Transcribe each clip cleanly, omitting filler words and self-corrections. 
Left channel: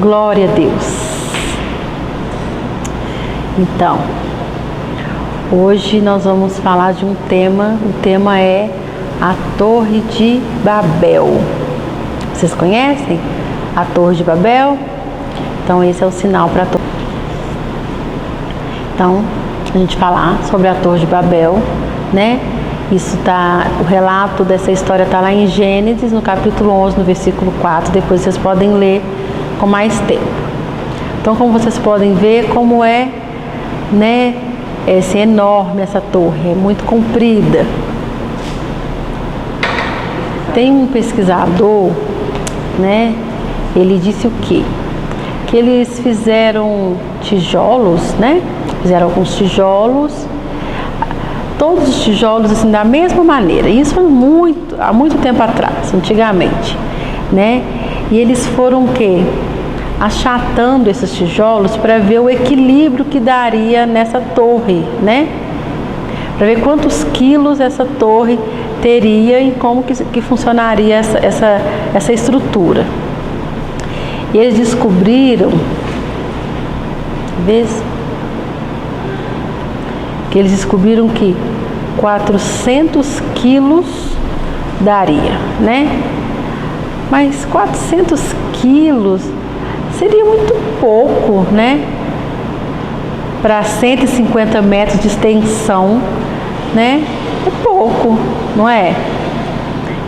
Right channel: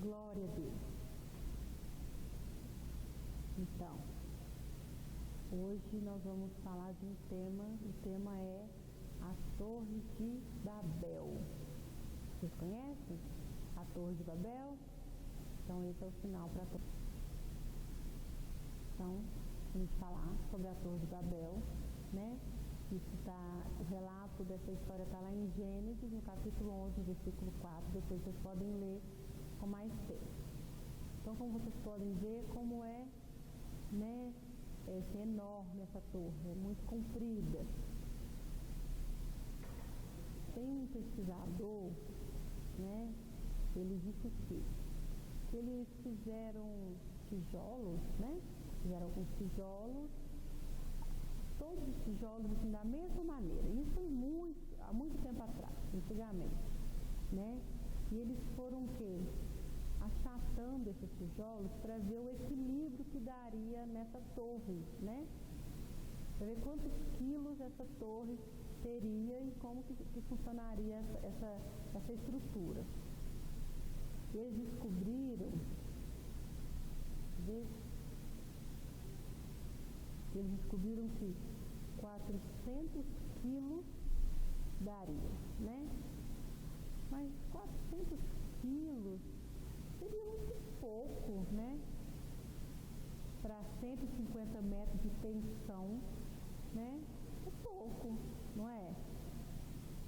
Glória a Deus. Então, hoje nós vamos falar de um tema, o tema é a Torre de Babel. Vocês conhecem a Torre de Babel? Então esse é o sinal para a torre. Então, a gente falar sobre a Torre de Babel, né? O relato dessa história está lá em Gênesis, no capítulo 11, no versículo 4. Depois vocês podem ler com mais tempo. Então, como vocês podem ver, como é, né, enorme essa torre, é muito comprida. Tem um pesquisador, né, ele disse o quê? Que eles fizeram tijolos, né, fizeram alguns tijolos, todos os tijolos assim da mesma maneira. Isso há muito tempo atrás, antigamente, né? E eles foram o quê? Achatando esses tijolos para ver o equilíbrio que daria nessa torre, né? Para ver quantos quilos essa torre teria e como que funcionaria essa estrutura. E eles descobriram, que 400 quilos daria, né? Mas 400 quilos seria muito pouco, né? Para 150 metros de extensão, né? É pouco, não é?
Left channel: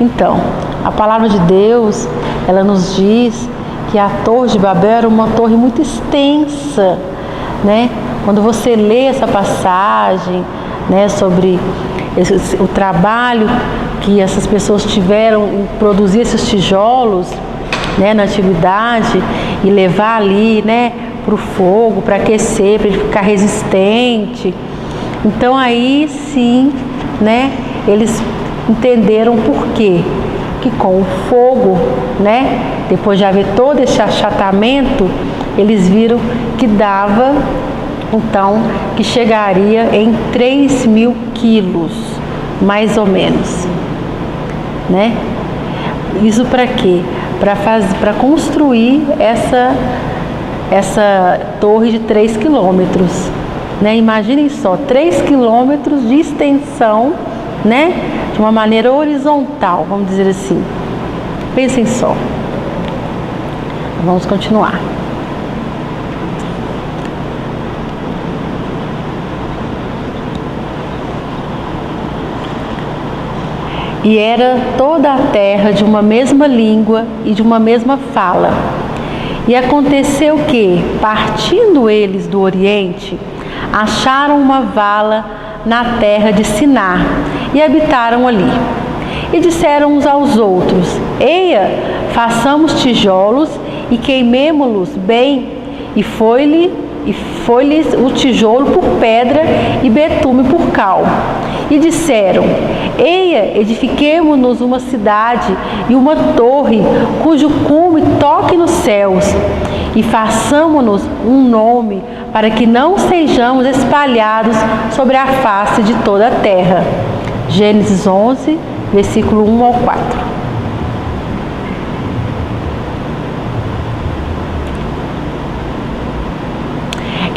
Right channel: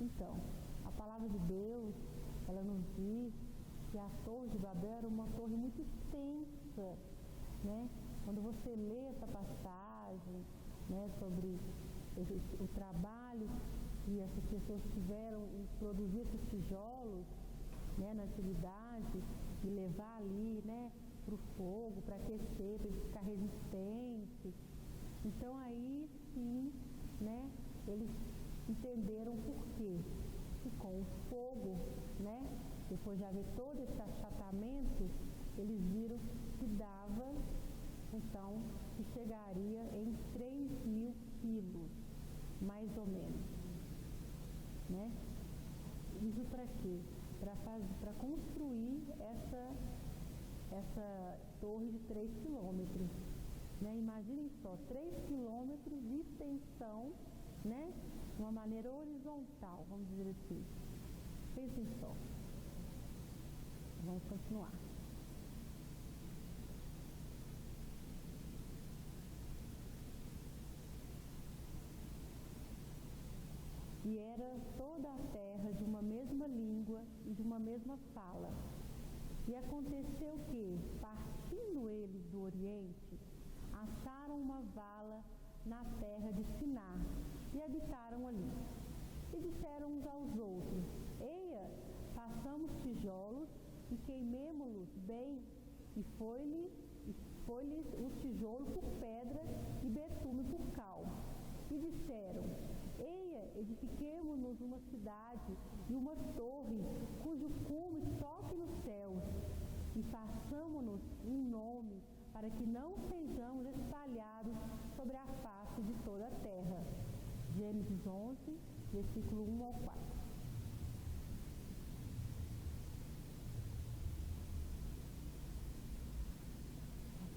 Então, a palavra de Deus, ela nos diz que a Torre de Babel era uma torre muito extensa, né? Quando você lê essa passagem, né, sobre o trabalho que essas pessoas tiveram em produzir esses tijolos, né, na antiguidade, e levar ali, né, para o fogo, para aquecer, para ele ficar resistente. Então aí sim, né, eles entenderam por quê. Que com o fogo, né, depois de haver todo esse achatamento, eles viram que dava, então, que chegaria em 3.000 quilos, mais ou menos, né? Isso para quê? Para construir essa torre de 3 quilômetros, né? Imaginem só, 3 quilômetros de extensão, né? De uma maneira horizontal, vamos dizer assim. Pensem só. Vamos continuar. E era toda a terra de uma mesma língua e de uma mesma fala. E aconteceu que, partindo eles do Oriente, acharam uma vala na terra de Sinar e habitaram ali. E disseram uns aos outros: Eia, façamos tijolos e queimemo-los bem. E foi-lhes o tijolo por pedra e betume por cal. E disseram: Eia, edifiquemo-nos uma cidade e uma torre, cujo cume toque nos céus, e façamo-nos um nome, para que não sejamos espalhados sobre a face de toda a terra. Gênesis 11, versículo 1 ao 4.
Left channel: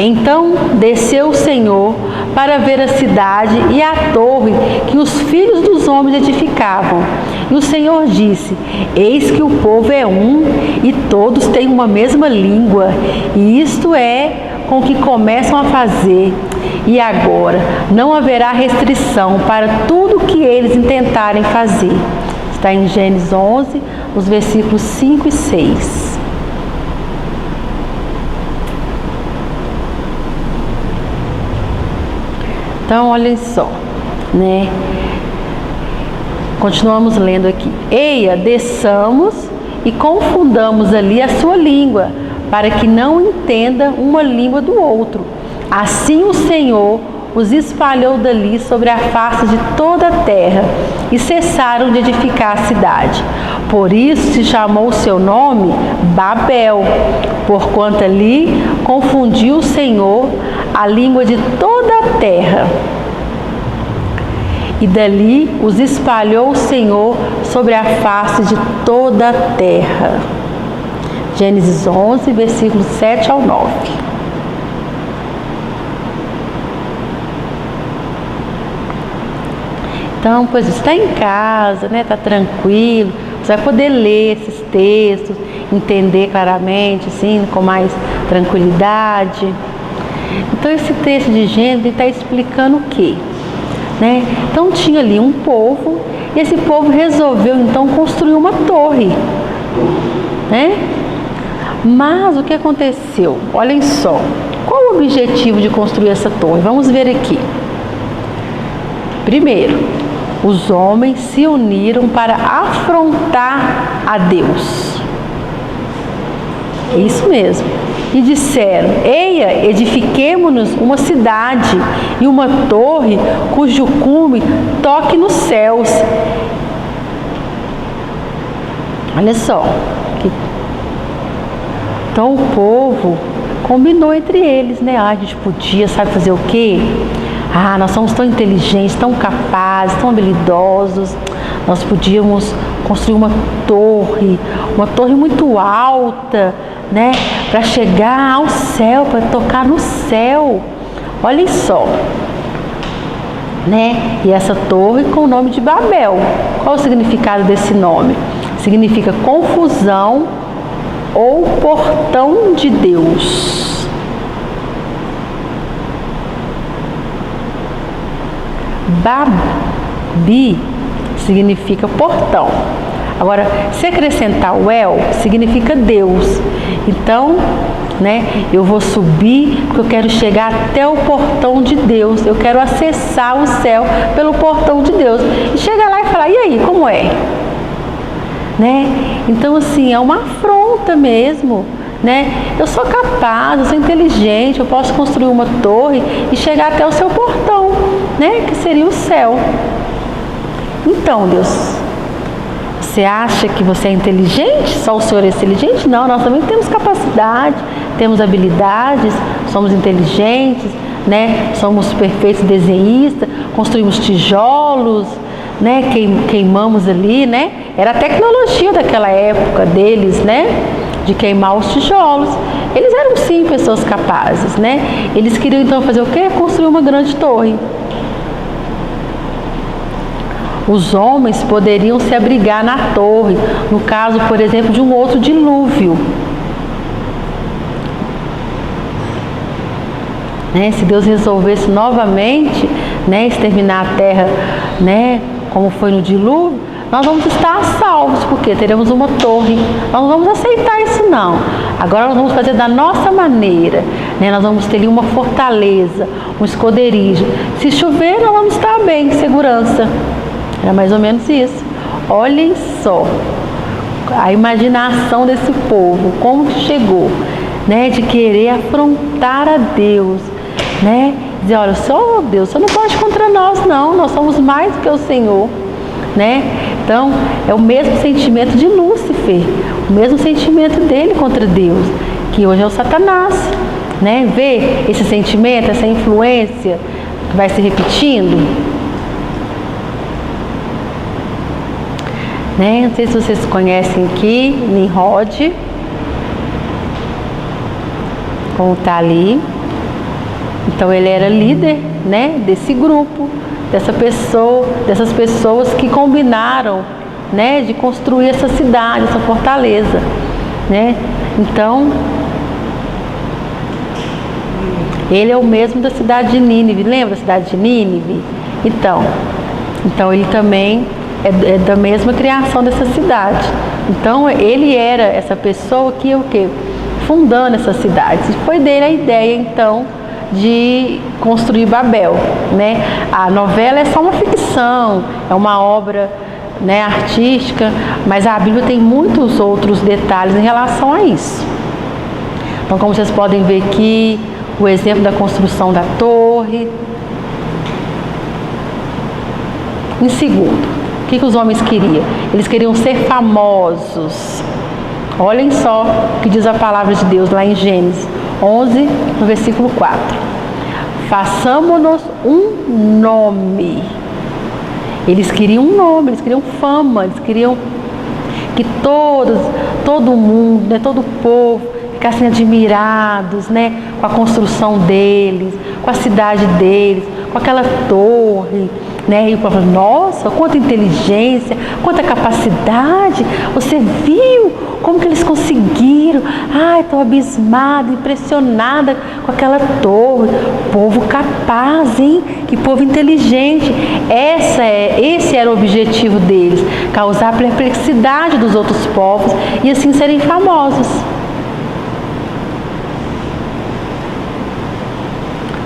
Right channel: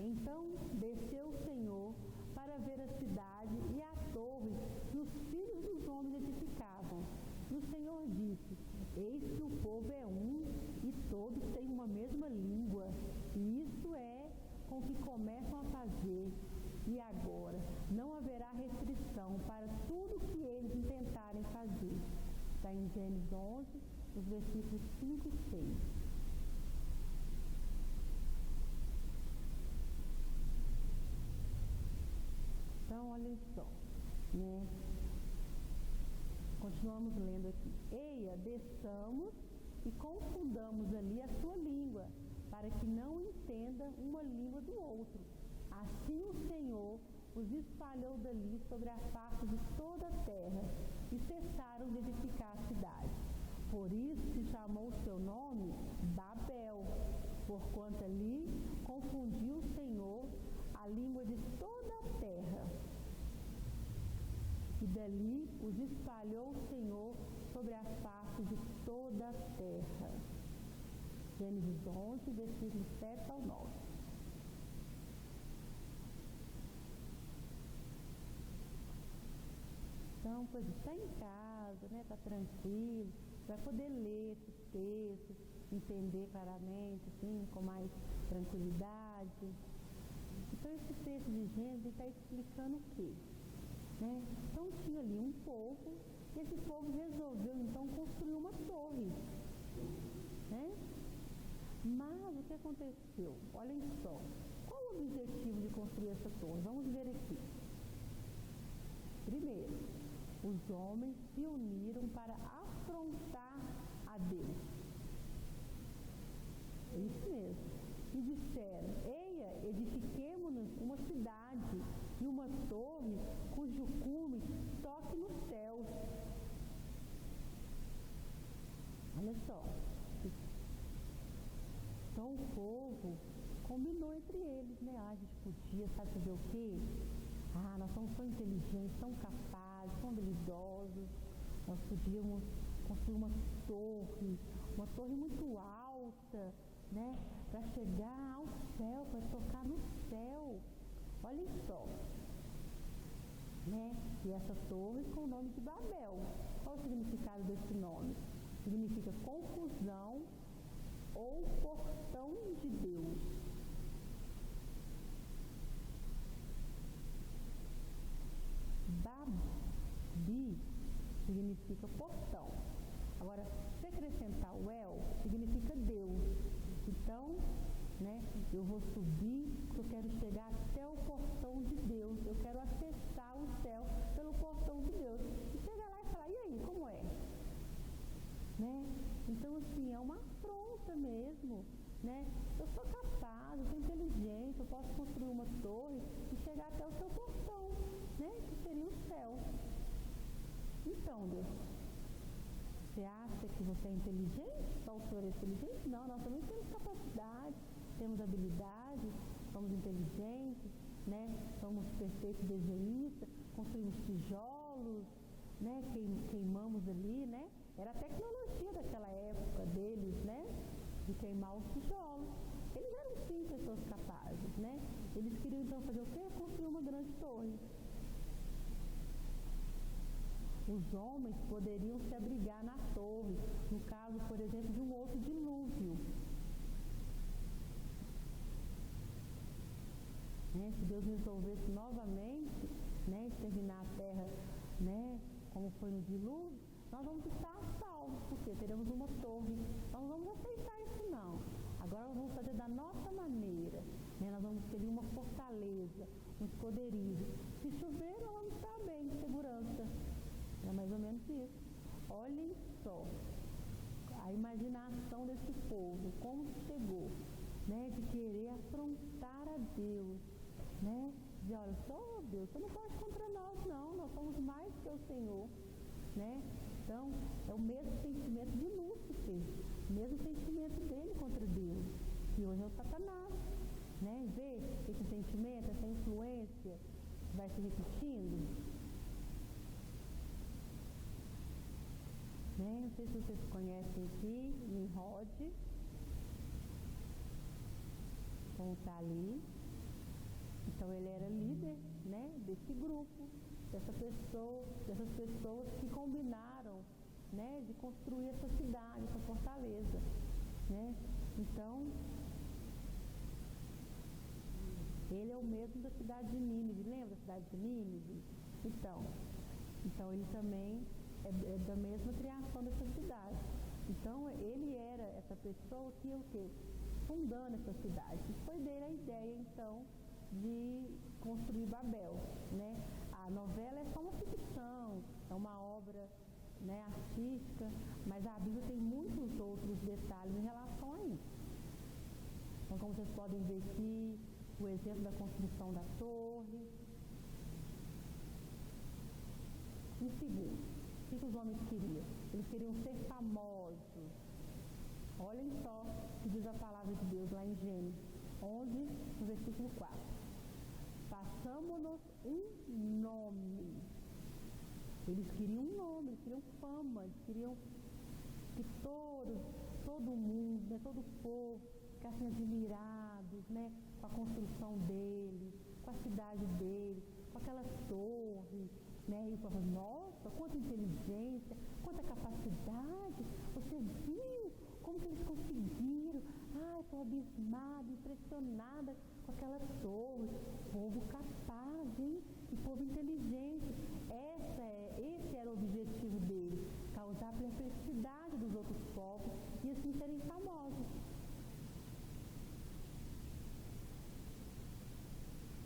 Então desceu o Senhor para ver a cidade e a torre que os filhos dos homens edificavam. E o Senhor disse: Eis que o povo é um e todos têm uma mesma língua, e isto é com que começam a fazer. E agora não haverá restrição para tudo que eles intentarem fazer. Está em Gênesis 11, os versículos 5 e 6. Então, olhem só, né? Continuamos lendo aqui. Eia, desçamos e confundamos ali a sua língua, para que não entenda uma língua do outro. Assim o Senhor os espalhou dali sobre a face de toda a terra, e cessaram de edificar a cidade. Por isso se chamou o seu nome Babel, porquanto ali confundiu o Senhor a língua de toda a terra. E dali os espalhou o Senhor sobre a face de toda a terra. Gênesis 11, versículos 7 ao 9. Então, pois está em casa, né? Está tranquilo, você vai poder ler esses textos, entender claramente, assim, com mais tranquilidade. Então, esse texto de Gênesis está explicando o quê? Né? Então, tinha ali um povo, e esse povo resolveu, então, construir uma torre. Né? Mas o que aconteceu? Olhem só, qual o objetivo de construir essa torre? Vamos ver aqui. Primeiro, os homens se uniram para afrontar a Deus. Isso mesmo. E disseram: eia, edifiquemo-nos uma cidade e uma torre cujo cume toque nos céus. Olha só. Então o povo combinou entre eles, né? A gente podia, sabe fazer o quê? Nós somos tão inteligentes, tão capazes, tão habilidosos. Nós podíamos construir uma torre muito alta, né? Para chegar ao céu, para tocar no céu. Olhem só, né? E essa torre com o nome de Babel. Qual o significado desse nome? Significa confusão ou portão de Deus. Babi significa portão. Agora, se acrescentar o El, significa Deus. Então, né, eu vou subir porque eu quero chegar até o portão de Deus. Eu quero acessar o céu pelo portão de Deus. E chegar lá e falar: e aí, como é? Né? Então, assim, é uma afronta mesmo. Né? Eu sou capaz, eu sou inteligente, eu posso construir uma torre e chegar até o seu portão, né? Que seria o céu. Então, Deus, você acha que você é inteligente? Só o Senhor é inteligente? Não, nós também temos capacidade, temos habilidades, somos inteligentes, né? Somos perfeitos desenhistas, construímos tijolos, né? Queimamos ali, né? Era a tecnologia daquela época deles, né? De queimar os tijolos. Eles eram sim pessoas capazes, né? Eles queriam então fazer o quê? Construir uma grande torre. Os homens poderiam se abrigar na torre, no caso, por exemplo, de um outro dilúvio. Né? Se Deus resolvesse novamente, né, exterminar a terra, né, como foi no dilúvio, nós vamos estar salvos, porque teremos uma torre. Nós não vamos aceitar isso não. Agora nós vamos fazer da nossa maneira, né? Nós vamos ter ali uma fortaleza, um esconderijo. Se chover, nós vamos estar bem, segurança. Era mais ou menos isso. Olhem só a imaginação desse povo, como chegou, né? De querer afrontar a Deus, né? Dizer: olha, só Deus, você não pode contra nós não, nós somos mais do que o Senhor. Né? Então, é o mesmo sentimento de Lúcifer, o mesmo sentimento dele contra Deus, que hoje é o Satanás, né? Vê esse sentimento, essa influência que vai se repetindo, né? Não sei se vocês conhecem aqui Nimrod, como está ali. Então, ele era líder, né, desse grupo, dessas pessoas que combinaram, né, de construir essa cidade, essa fortaleza, né? Então, ele é o mesmo da cidade de Nínive. Lembra da cidade de Nínive? Então ele também é da mesma criação dessa cidade. Então, ele era essa pessoa que o quê? Fundando essa cidade. Foi dele a ideia, então, de construir Babel, né? A novela é só uma ficção, é uma obra, né, artística, mas a Bíblia tem muitos outros detalhes em relação a isso. Então, como vocês podem ver aqui, o exemplo da construção da torre. Em segundo, o que os homens queriam? Eles queriam ser famosos. Olhem só o que diz a palavra de Deus lá em Gênesis 11, no versículo 4. Façamo-nos um nome. Eles queriam um nome, eles queriam fama, eles queriam que todo mundo, né, todo o povo ficassem admirados, né, com a construção deles, com a cidade deles, com aquela torre, né? E o povo falou, nossa, quanta inteligência, quanta capacidade, você viu como que eles conseguiram? Ai, estou abismada, impressionada com aquela torre. Povo capaz, hein? Que povo inteligente. Esse era o objetivo deles, causar perplexidade dos outros povos e assim serem famosos.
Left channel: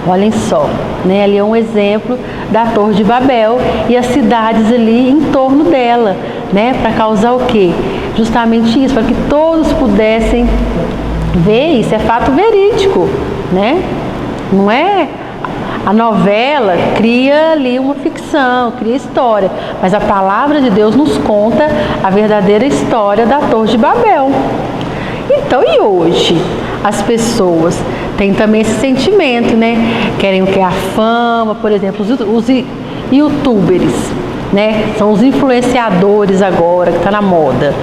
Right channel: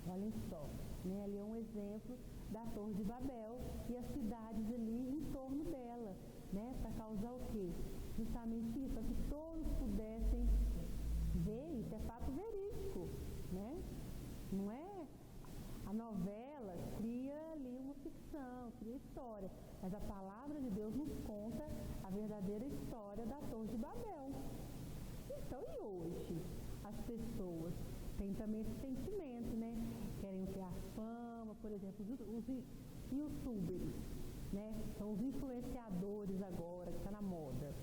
Olhem só, né? Ali é um exemplo da Torre de Babel e as cidades ali em torno dela, né? Para causar o quê? Justamente isso, para que todos pudessem ver, isso é fato verídico, né? Não é? A novela cria ali uma ficção, cria história, mas a palavra de Deus nos conta a verdadeira história da Torre de Babel. Então, e hoje? As pessoas têm também esse sentimento, né? Querem o que? A fama, por exemplo, os youtubers, né? São os influenciadores agora, que está na moda,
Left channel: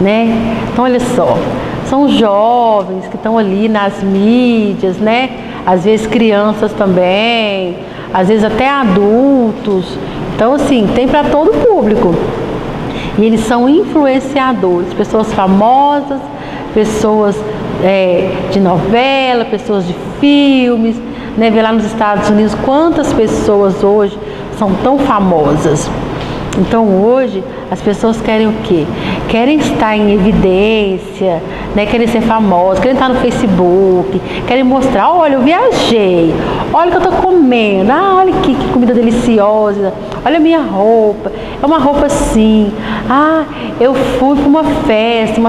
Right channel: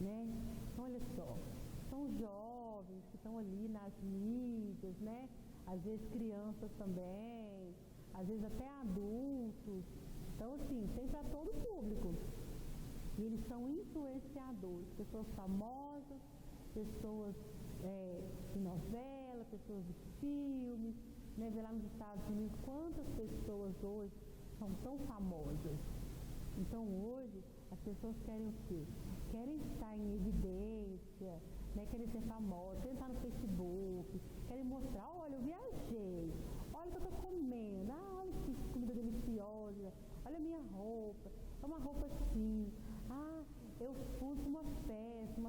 né? Então, olha só, são jovens que estão ali nas mídias, né? Às vezes crianças também, às vezes até adultos. Então, assim, tem para todo o público. E eles são influenciadores, pessoas famosas, pessoas de novela, pessoas de filmes, né? Vê lá nos Estados Unidos quantas pessoas hoje são tão famosas. Então hoje as pessoas querem o quê? Querem estar em evidência, né? Querem ser famosas, querem estar no Facebook, querem mostrar, olha, eu viajei, olha o que eu estou comendo, olha que comida deliciosa, olha a minha roupa, é uma roupa assim, eu fui para uma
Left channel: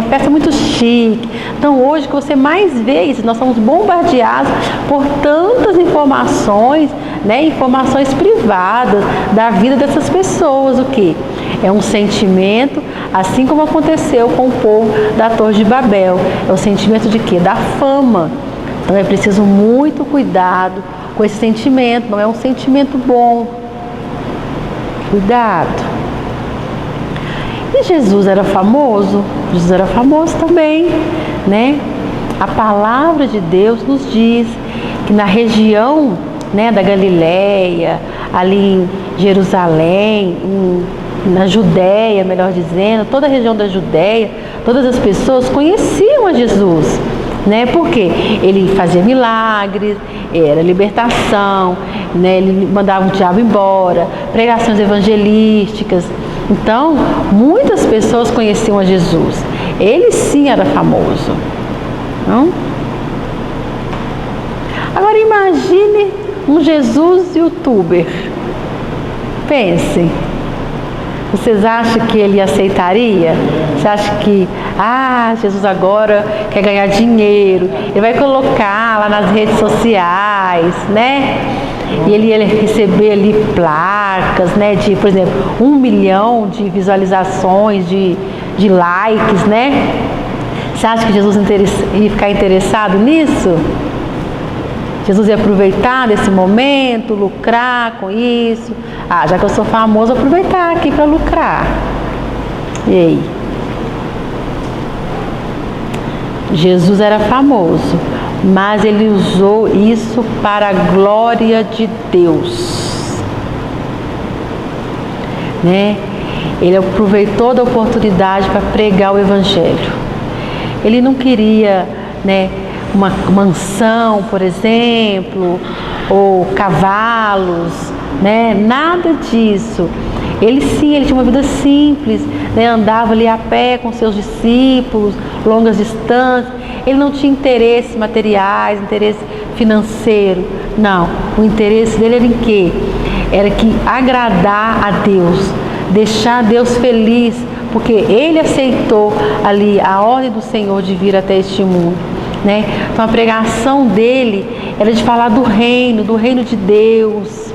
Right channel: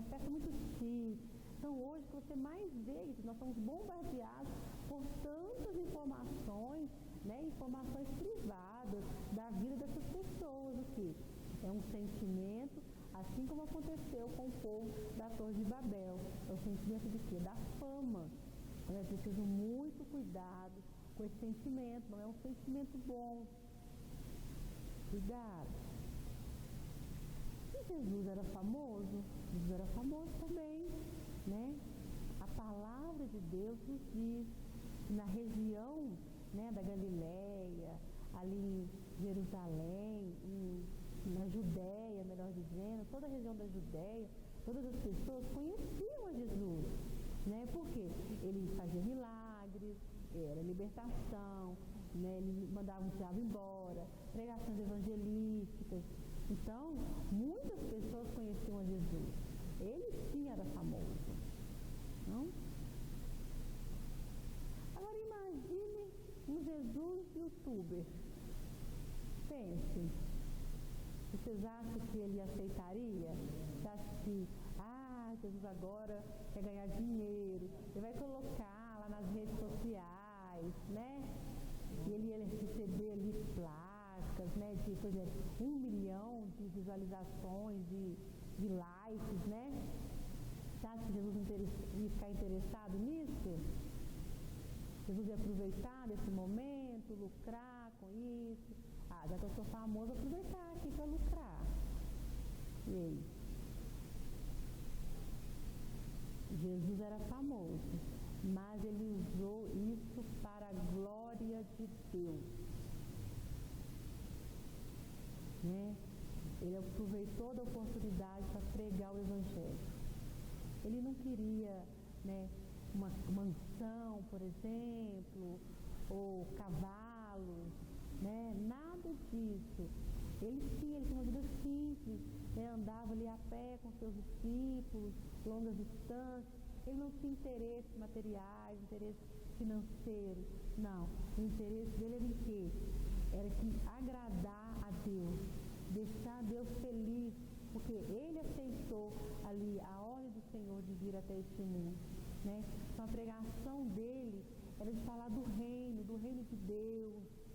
festa muito chique. Então hoje o que você mais vê isso, nós somos bombardeados por tantas informações, né? Informações privadas da vida dessas pessoas, o que? É um sentimento, assim como aconteceu com o povo da Torre de Babel. É o sentimento de quê? Da fama. Então é preciso muito cuidado com esse sentimento, não é um sentimento bom. Cuidado. E Jesus era famoso? Jesus era famoso também, né? A palavra de Deus nos diz que na região, né, da Galileia, ali em Jerusalém, na Judéia, melhor dizendo, toda a região da Judéia, todas as pessoas conheciam a Jesus, né? Porque ele fazia milagres, era libertação, né? Ele mandava o diabo embora, pregações evangelísticas. Então, muitas pessoas conheciam a Jesus. Ele sim era famoso, não? Agora imagine um Jesus youtuber. Pensem. Vocês acham que ele aceitaria? Você acha que, Jesus agora quer ganhar dinheiro, ele vai colocar lá nas redes sociais, né? E ele ia receber ali placas, né? De, por exemplo, 1 milhão de visualizações, de likes, né? Você acha que Jesus ia ficar interessado nisso? Jesus ia aproveitar desse momento, lucrar com isso. Já que eu sou famoso, vou aproveitar aqui para lucrar. E aí? Jesus era famoso, mas ele usou isso para a glória de Deus, né? Ele aproveitou da oportunidade para pregar o Evangelho. Ele não queria, né, uma mansão, por exemplo, ou cavalos, né? Nada disso. Ele tinha uma vida simples, né? Andava ali a pé com seus discípulos, longas distâncias. Ele não tinha interesses materiais, interesse financeiro. Não, o interesse dele era em quê? Era que agradar a Deus, deixar Deus feliz, porque ele aceitou ali a ordem do Senhor de vir até este mundo, né? Então a pregação dele era de falar do reino de Deus.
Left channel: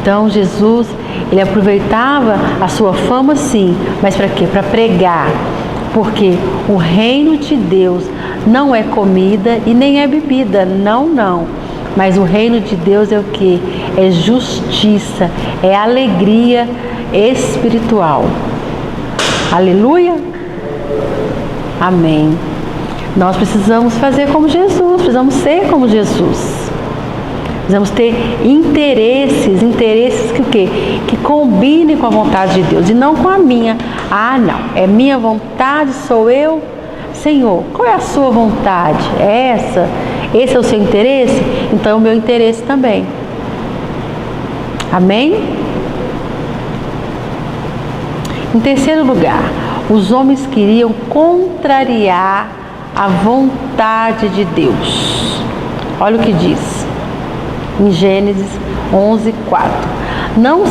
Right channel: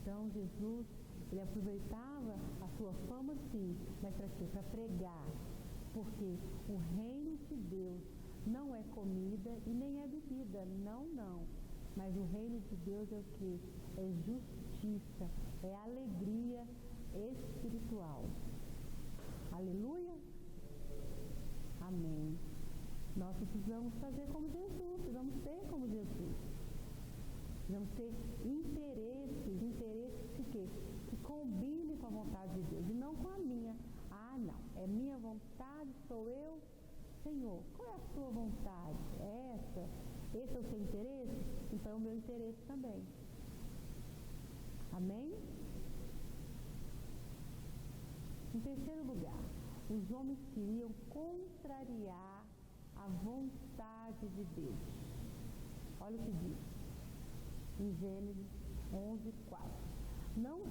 Então Jesus, ele aproveitava a sua fama sim, mas para quê? Para pregar, porque o reino de Deus não é comida e nem é bebida, não. Mas o reino de Deus é o quê? É justiça, é alegria espiritual. Aleluia? Amém. Nós precisamos fazer como Jesus, precisamos ser como Jesus. Precisamos ter interesses que o quê? Que combinem com a vontade de Deus e não com a minha. Ah, não, é minha vontade, sou eu. Senhor, qual é a sua vontade? É essa? Esse é o seu interesse? Então é o meu interesse também. Amém? Em terceiro lugar, os homens queriam contrariar a vontade de Deus. Olha o que diz em Gênesis 11:4. Não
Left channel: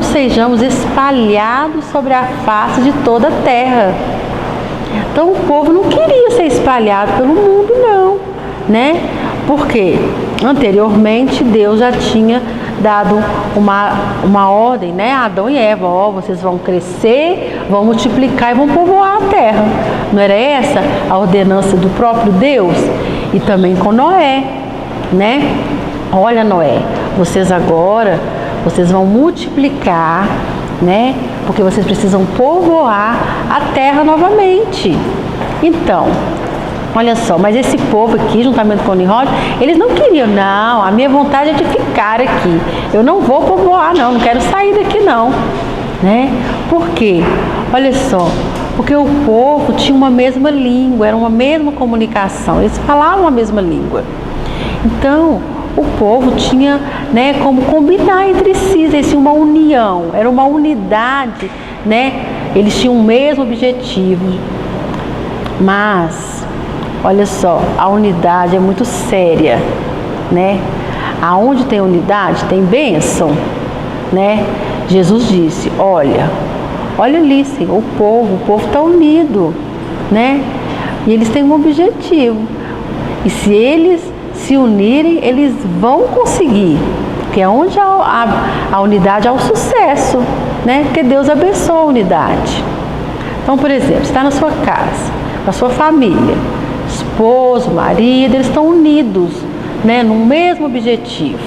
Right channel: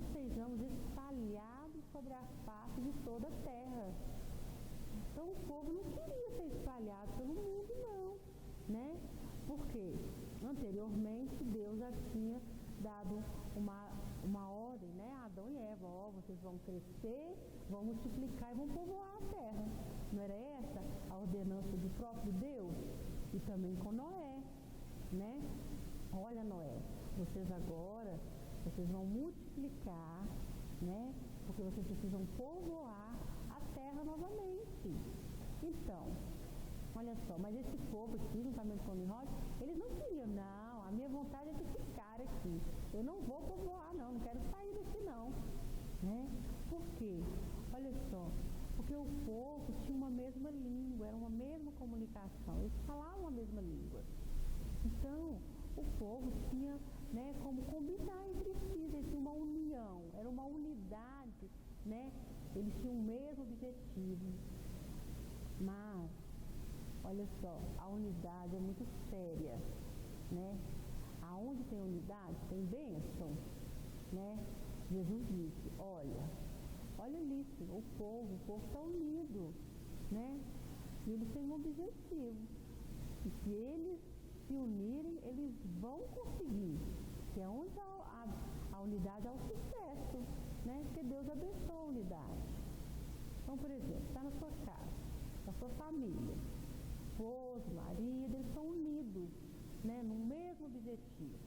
sejamos espalhados sobre a face de toda a terra. Então o povo não queria ser espalhado pelo mundo, não, né? Porque anteriormente Deus já tinha dado uma ordem, né? A Adão e Eva, vocês vão crescer, vão multiplicar e vão povoar a terra. Não era essa a ordenança do próprio Deus? E também com Noé, né? Olha, Noé, vocês vão multiplicar, né? Porque vocês precisam povoar a terra novamente. Então, olha só, mas esse povo aqui, juntamente com Nimrod, eles não queriam, não, a minha vontade é de ficar aqui. Eu não vou povoar, não quero sair daqui, não. Né? Por quê? Olha só, porque o povo tinha uma mesma língua, era uma mesma comunicação, eles falavam a mesma língua. Então, o povo tinha, né, como combinar entre si, eles tinham uma união, era uma unidade, né? Eles tinham o mesmo objetivo. Mas, olha só, a unidade é muito séria, né? Aonde tem unidade, tem bênção, né? Jesus disse, olha ali, Senhor, o povo está unido, né? E eles têm um objetivo. E se eles se unirem, eles vão conseguir. Porque onde a unidade há o sucesso, né? Porque Deus abençoa a unidade. Então, por exemplo, está na sua casa, com a sua família, esposo, marido, eles estão unidos, né? No mesmo objetivo.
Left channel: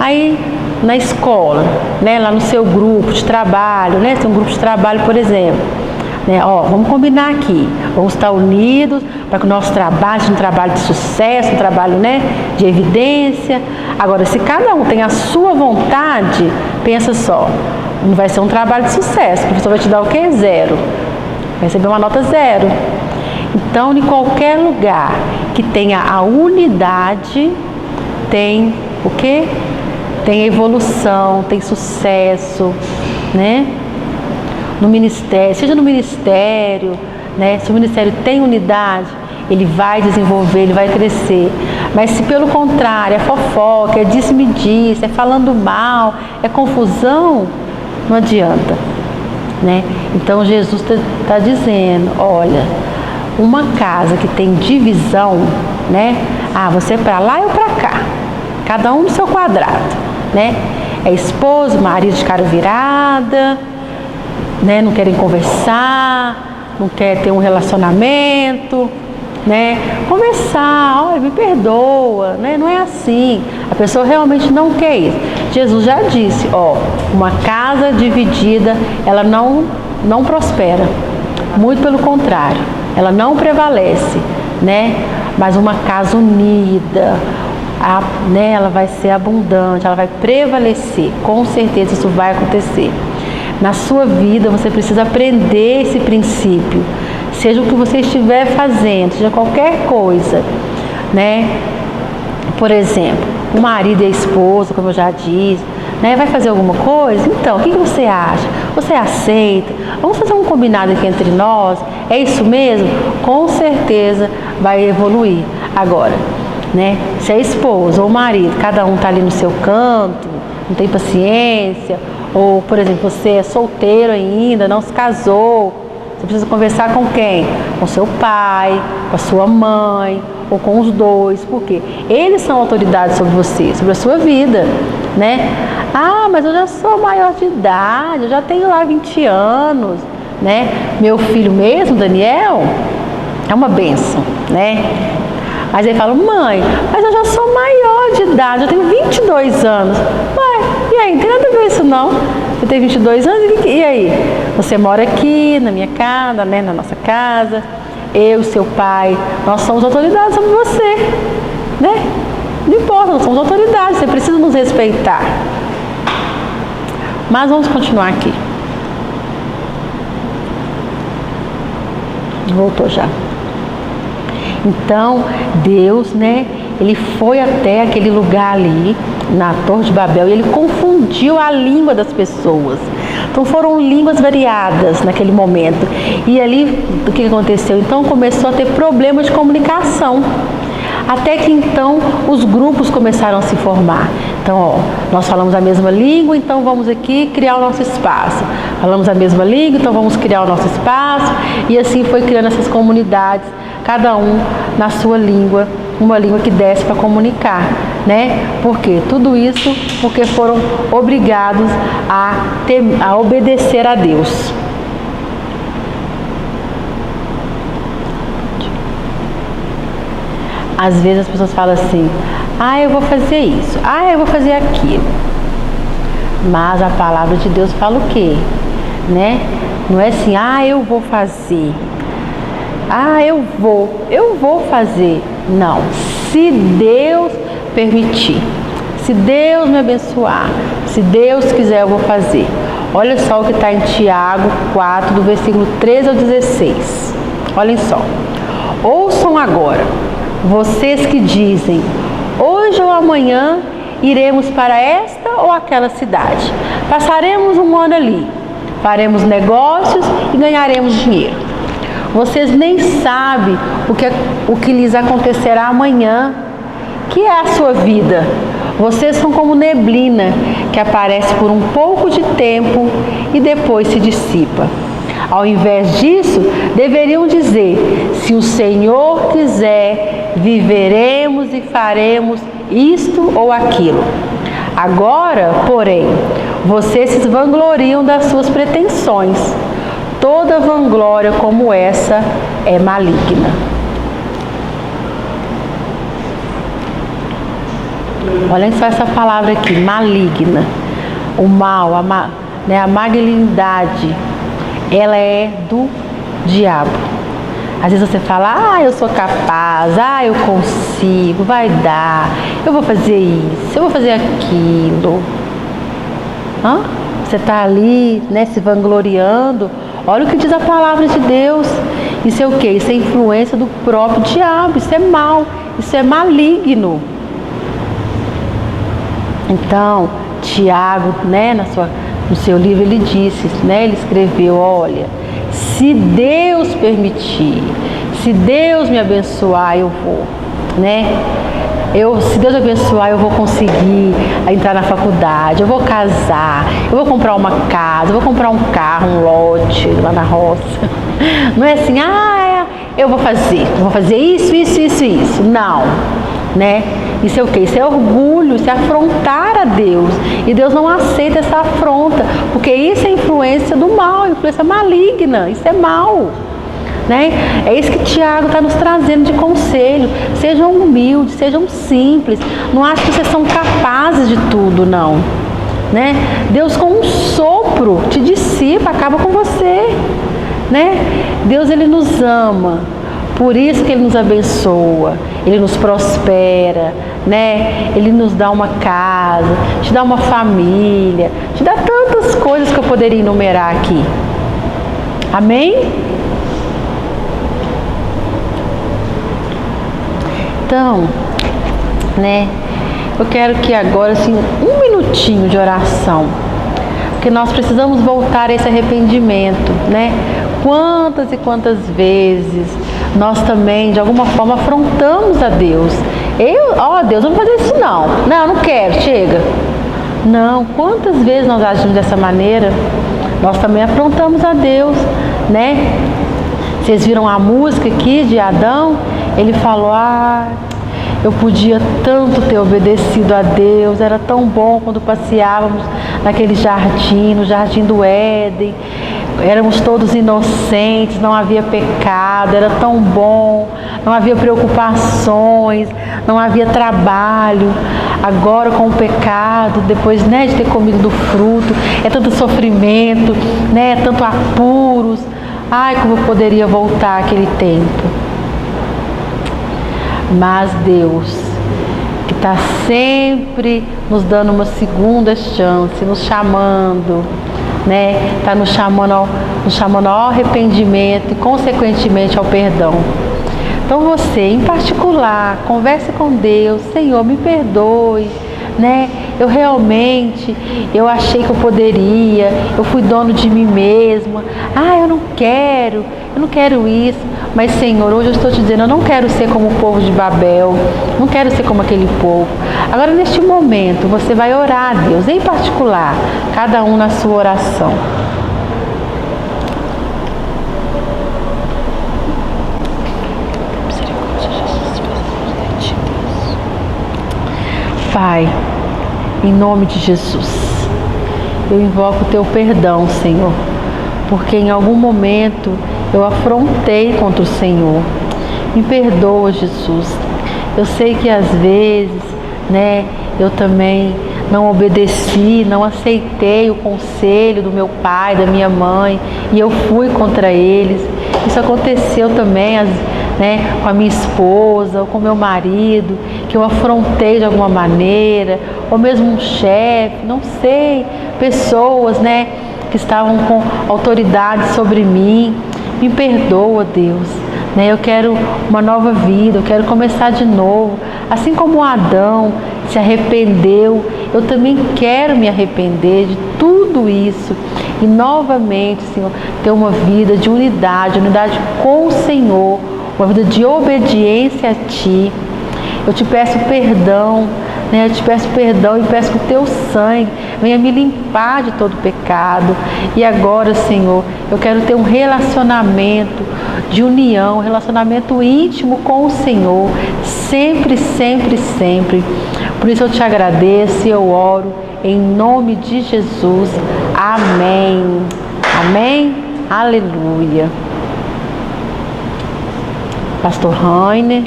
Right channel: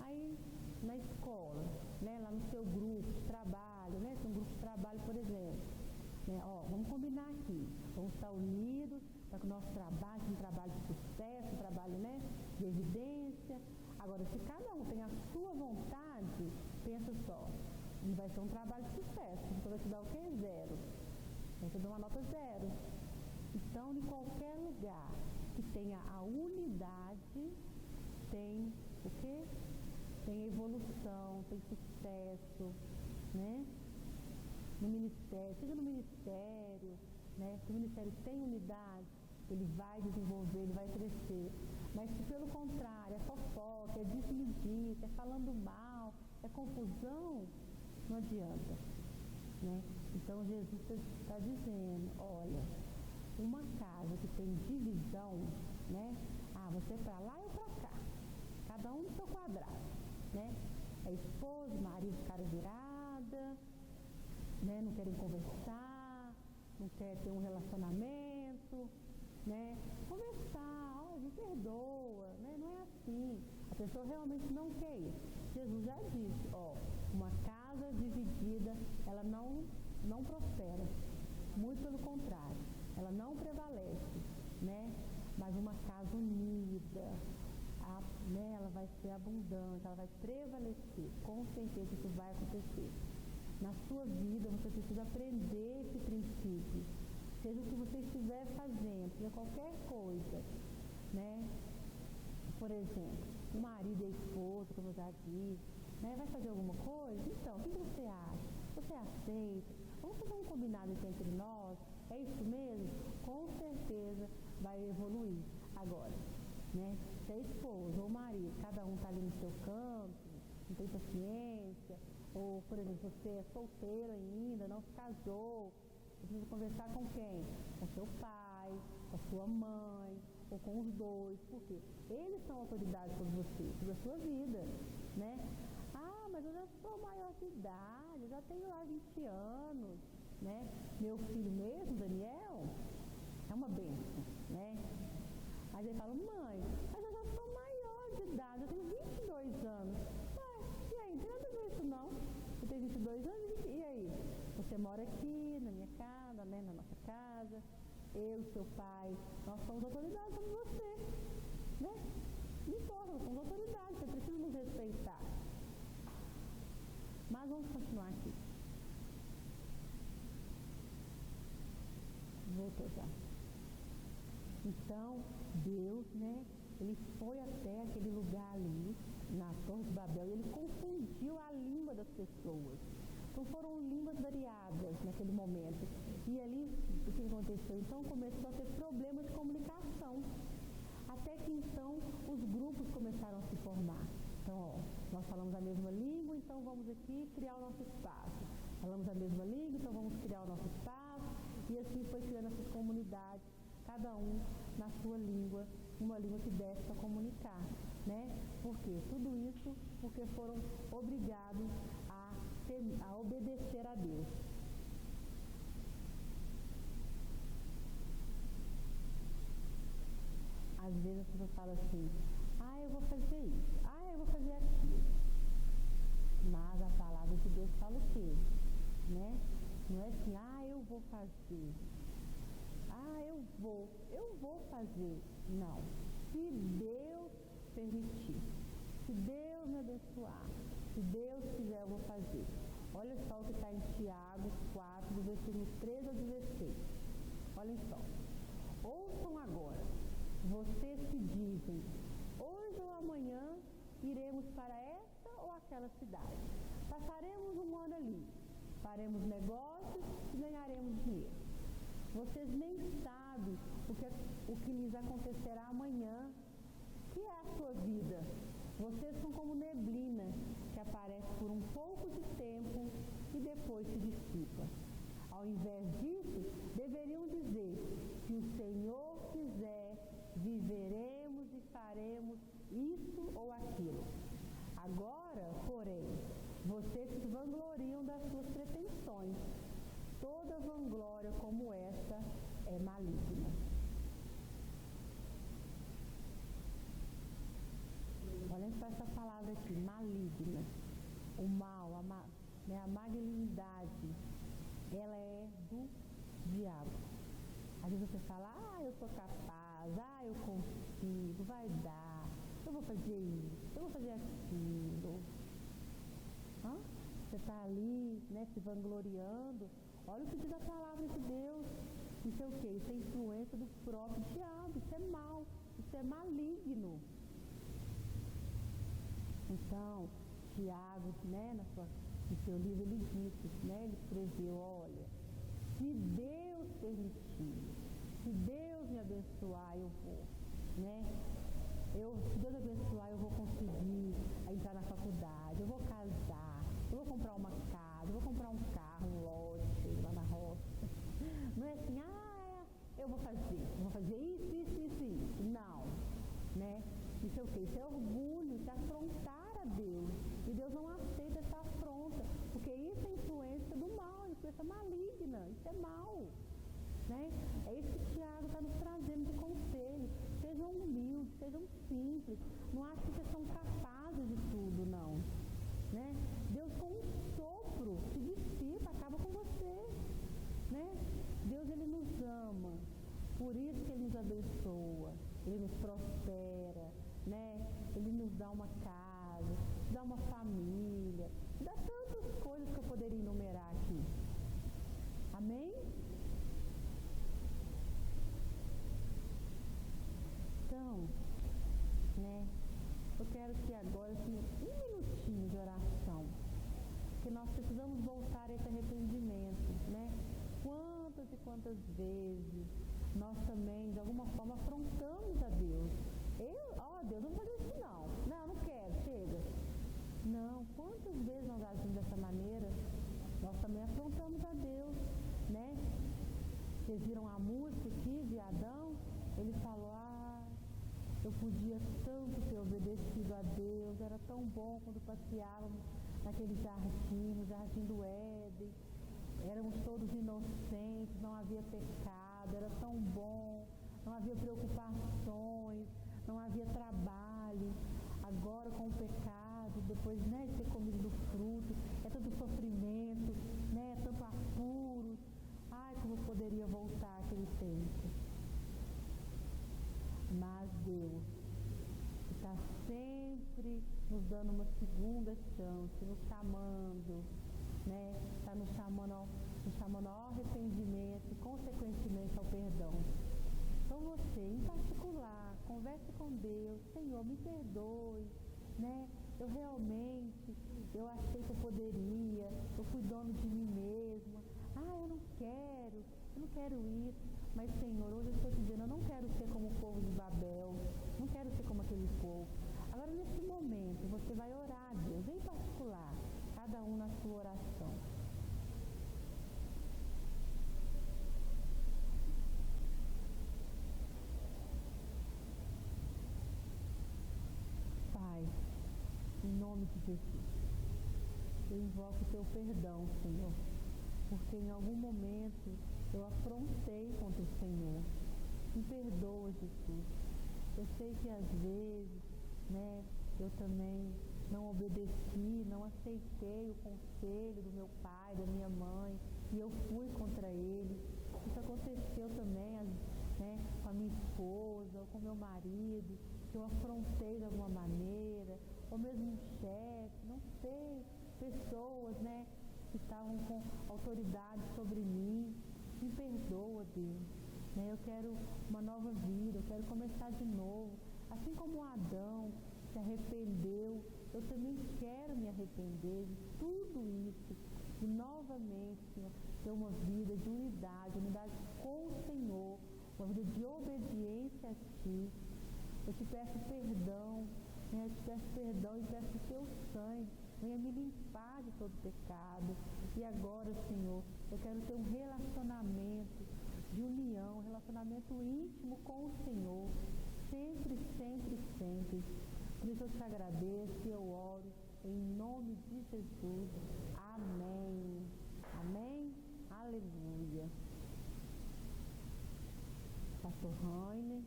Aí, na escola, né? Lá no seu grupo de trabalho, né? Tem um grupo de trabalho, por exemplo. Né? Vamos combinar aqui, vamos estar unidos para que o nosso trabalho seja um trabalho de sucesso, um trabalho, né, de evidência. Agora, se cada um tem a sua vontade, pensa só, não vai ser um trabalho de sucesso, o professor vai te dar o quê? 0. Vai receber uma nota 0. Então, em qualquer lugar que tenha a unidade, tem o quê? Tem evolução, tem sucesso, né? No ministério, seja no ministério, né? Se o ministério tem unidade, ele vai desenvolver, ele vai crescer. Mas se pelo contrário, é fofoca, é disse-me-disse, é falando mal, é confusão, não adianta, né? Então Jesus está dizendo, olha, uma casa que tem divisão, né? Você é para lá, eu para cá, cada um no seu quadrado, né? É esposo, marido de cara virada, né? Não querem conversar, não quer ter um relacionamento, né? Conversar, olha, me perdoa, né? Não é assim. A pessoa realmente não quer isso. Jesus já disse, uma casa dividida, ela não prospera. Muito pelo contrário, ela não prevalece, né? Mas uma casa unida, né? Ela vai ser abundante, ela vai prevalecer. Com certeza isso vai acontecer. Na sua vida você precisa aprender esse princípio. Seja o que você estiver fazendo, seja qualquer coisa, né? Por exemplo, o marido e a esposa, como eu já disse, né? Vai fazer alguma coisa? Então, o que você acha? Você aceita? Vamos fazer um combinado aqui entre nós? É isso mesmo? Com certeza vai evoluir. Agora, né? Se a esposa ou o marido, cada um está ali no seu canto, não tem paciência, ou, por exemplo, você é solteiro ainda, não se casou, você precisa conversar com quem? Com seu pai, com a sua mãe, ou com os dois. Por quê? Eles são autoridades sobre você, sobre a sua vida, né? Mas eu já sou maior de idade, eu já tenho lá 20 anos, né? Meu filho mesmo, Daniel, é uma bênção, né? Aí ele fala, mãe, mas eu já sou maior de idade, eu tenho 22 anos. Ué, e aí, não tem nada a ver isso não. Você tem 22 anos, e aí? Você mora aqui na minha casa, né, na nossa casa, eu, seu pai, nós somos autoridades sobre você, né? Não importa, nós somos autoridades, você precisa nos respeitar. Mas vamos continuar aqui. Voltou já. Então, Deus, né, ele foi até aquele lugar ali, na Torre de Babel, e ele confundiu a língua das pessoas. Então, foram línguas variadas naquele momento. E ali, o que aconteceu? Então, começou a ter problemas de comunicação. Até que então os grupos começaram a se formar. Então, ó, nós falamos a mesma língua, então vamos aqui criar o nosso espaço. Falamos a mesma língua, então vamos criar o nosso espaço. E assim foi criando essas comunidades, cada um na sua língua, uma língua que desse para comunicar, né? Por quê? Tudo isso porque foram obrigados a obedecer a Deus. Às vezes as pessoas falam assim, eu vou fazer isso, eu vou fazer aquilo. Mas a palavra de Deus fala o quê? Né? Não é assim, eu vou fazer. Eu vou fazer. Não. Se Deus permitir, se Deus me abençoar, se Deus quiser, eu vou fazer. Olha só o que está em Tiago 4, do versículo 13 ao 16. Olhem só. Ouçam agora, vocês que dizem, hoje ou amanhã iremos para esta ou aquela cidade. Passaremos um ano ali, faremos negócios e ganharemos dinheiro. Vocês nem sabem o que lhes acontecerá amanhã, que é a sua vida. Vocês são como neblina, que aparece por um pouco de tempo e depois se dissipa. Ao invés disso, deveriam dizer, se o Senhor quiser, viveremos e faremos isto ou aquilo. Agora, porém, vocês se vangloriam das suas pretensões. Toda vanglória como essa é maligna. Olhem só essa palavra aqui, maligna. O mal, a malignidade, ela é do diabo. Às vezes você fala, eu sou capaz, eu consigo, vai dar, eu vou fazer isso, eu vou fazer aquilo. Você está ali, né, se vangloriando. Olha o que diz a palavra de Deus. Isso é o quê? Isso é influência do próprio diabo, isso é mal, isso é maligno. Então, Tiago, né, no seu livro ele disse, né, ele escreveu, olha, se Deus permitir, se Deus me abençoar, eu vou, né? Se Deus abençoar, eu vou conseguir entrar na faculdade, eu vou casar, eu vou comprar uma casa, eu vou comprar um carro, um lote lá na roça. Não é assim, eu vou fazer isso. Não, né? Isso é o quê? Isso é orgulho, isso é afrontar a Deus. E Deus não aceita essa afronta, porque isso é influência do mal, influência maligna, isso é mal. Né? É isso que Tiago está nos trazendo de conselho. Sejam humildes, sejam simples. Não achem que vocês são capazes de tudo, não. Né? Deus com um sopro te dissipa, acaba com você. Né? Deus, ele nos ama. Por isso que ele nos abençoa, ele nos prospera, né? Ele nos dá uma casa, te dá uma família, te dá tantas coisas que eu poderia enumerar aqui. Amém? Então, né, eu quero que agora, assim, um minutinho de oração, porque nós precisamos voltar a esse arrependimento, né? Quantas e quantas vezes nós também, de alguma forma, afrontamos a Deus. Deus, não vou fazer isso não. Não quero, chega. Não, quantas vezes nós agimos dessa maneira? Nós também afrontamos a Deus, né? Vocês viram a música aqui de Adão? Ele falou, eu podia tanto ter obedecido a Deus, era tão bom quando passeávamos naquele jardim, no jardim do Éden. éramos todos inocentes, não havia pecado, era tão bom, não havia preocupações, não havia trabalho. Agora com o pecado, depois, né, de ter comido do fruto, é tanto sofrimento, né, é tanto apuros. Ai, como eu poderia voltar àquele tempo. Mas Deus, que está sempre nos dando uma segunda chance, nos chamando, né? Está nos chamando ao arrependimento e, consequentemente, ao perdão. Então você, em particular, converse com Deus. Senhor, me perdoe, né? Eu achei que eu poderia, eu fui dono de mim mesma. Eu não quero isso. Mas, Senhor, hoje eu estou te dizendo, eu não quero ser como o povo de Babel, não quero ser como aquele povo. Agora, neste momento, você vai orar a Deus, em particular, cada um na sua oração. Pai, em nome de Jesus, eu invoco o teu perdão, Senhor, porque em algum momento eu afrontei contra o Senhor. Me perdoa, Jesus. Eu sei que às vezes, né, eu também não obedeci, não aceitei o conselho do meu pai, da minha mãe, e eu fui contra eles. Isso aconteceu também, né, com a minha esposa ou com meu marido, que eu afrontei de alguma maneira, ou mesmo um chefe, não sei, pessoas, né, que estavam com autoridade sobre mim. Me perdoa, Deus, né? Eu quero uma nova vida, eu quero começar de novo. Assim como Adão se arrependeu, eu também quero me arrepender de tudo isso e novamente, Senhor, ter uma vida de unidade com o Senhor, uma vida de obediência a Ti. Eu te peço perdão, né? Eu te peço perdão e peço que o Teu sangue venha me limpar de todo pecado. E agora, Senhor, eu quero ter um relacionamento de união, um relacionamento íntimo com o Senhor, sempre, sempre, sempre. Por isso eu te agradeço e eu oro em nome de Jesus. Amém. Amém. Aleluia. Pastor Rainer,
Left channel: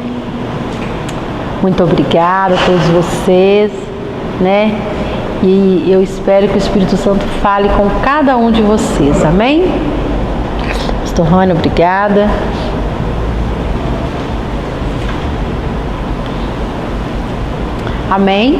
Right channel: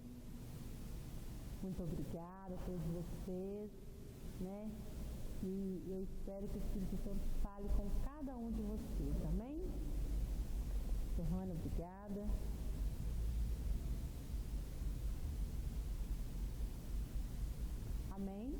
muito obrigada a todos vocês, né? E eu espero que o Espírito Santo fale com cada um de vocês, amém? Pastor Rainer, obrigada. Amém?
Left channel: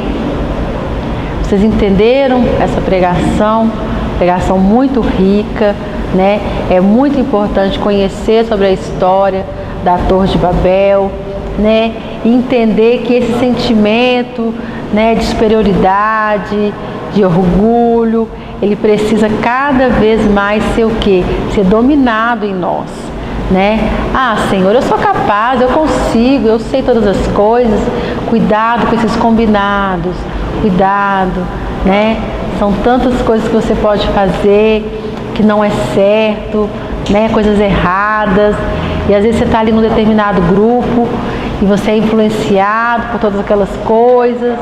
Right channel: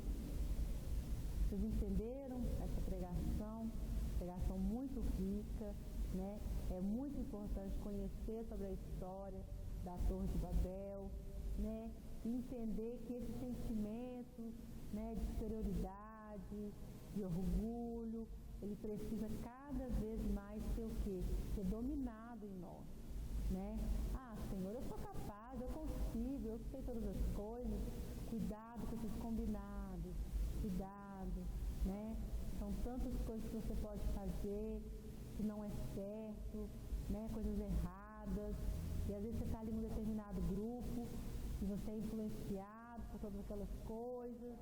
Vocês entenderam essa pregação? Pregação muito rica, né? É muito importante conhecer sobre a história da Torre de Babel, né? E entender que esse sentimento, né, de superioridade, de orgulho, ele precisa cada vez mais ser o quê? Ser dominado em nós, né? Senhor, eu sou capaz, eu consigo, eu sei todas as coisas. Cuidado com esses combinados, cuidado, né? São tantas coisas que você pode fazer que não é certo, né? Coisas erradas. E às vezes você está ali num determinado grupo e você é influenciado por todas aquelas coisas,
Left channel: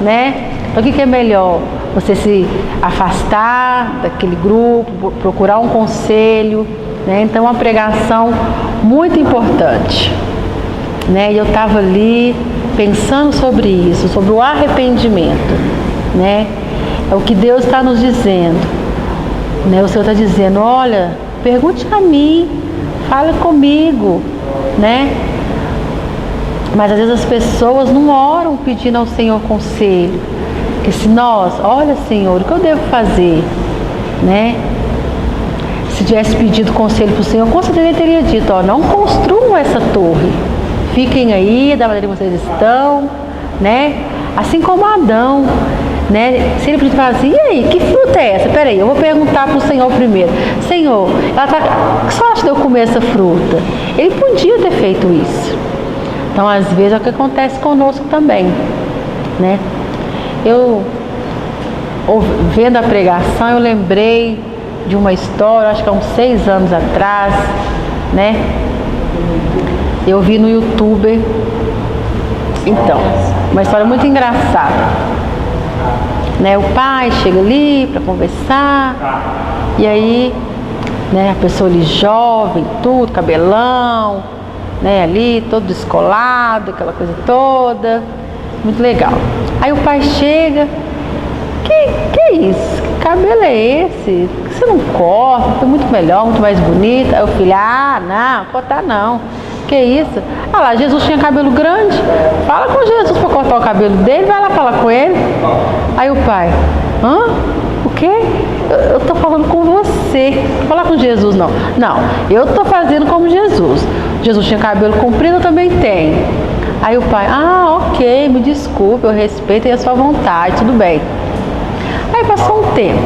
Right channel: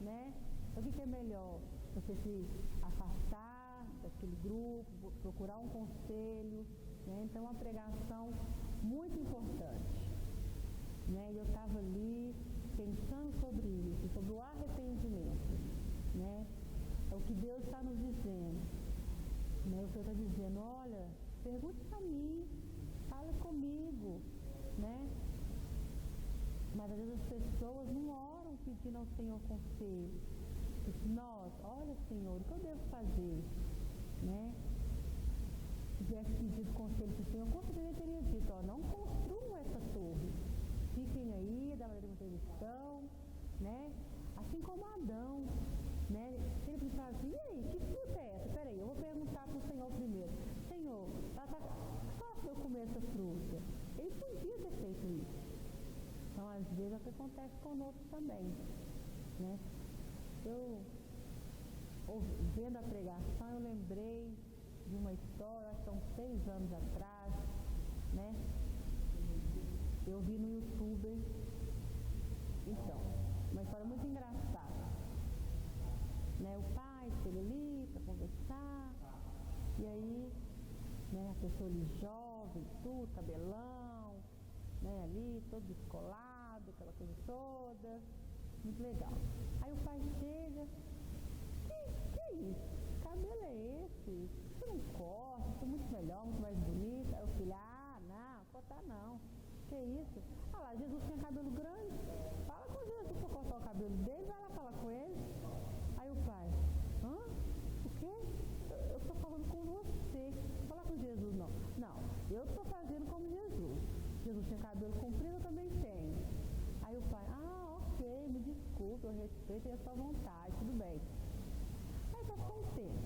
né? Então o que é melhor? Você se afastar daquele grupo, procurar um conselho, né? Então uma pregação muito importante, né? E eu estava ali pensando sobre isso, sobre o arrependimento, né? É o que Deus está nos dizendo, né? O Senhor está dizendo, olha, pergunte a mim, fale comigo, né? Mas às vezes as pessoas não oram pedindo ao Senhor conselho. Porque se nós, olha, Senhor, o que eu devo fazer, né? Se tivesse pedido conselho para o Senhor, com certeza ele teria dito, não construam essa torre. Fiquem aí da maneira que vocês estão, né? Assim como Adão, né? Se ele falar assim, e aí, que fruta é essa? Peraí, eu vou perguntar para o Senhor primeiro. Senhor, o que você acha de eu comer essa fruta? Ele podia ter feito isso. Então, às vezes, é o que acontece conosco também, né? Eu, vendo a pregação, eu lembrei de uma história, acho que há uns 6 anos atrás, né? Eu vi no YouTube, então, uma história muito engraçada, né? O pai chega ali para conversar, e aí né? A pessoa ali jovem, tudo, cabelão, né? Ali, todo descolado, aquela coisa toda, muito legal. Aí o pai chega, que é isso? Que cabelo é esse? Por que você não corta? Fica muito melhor, muito mais bonita. Aí o filho, não, cortar não. Que isso? Ah lá, Jesus tinha cabelo grande. Fala com Jesus para cortar o cabelo dele, vai lá falar com ele. Aí o pai, o quê? Eu tô falando com você. Não falar com Jesus não. Não, eu tô fazendo como Jesus. Jesus tinha cabelo comprido, eu também tenho. Aí o pai, ok, me desculpe, eu respeito a sua vontade, tudo bem. Aí passou um tempo,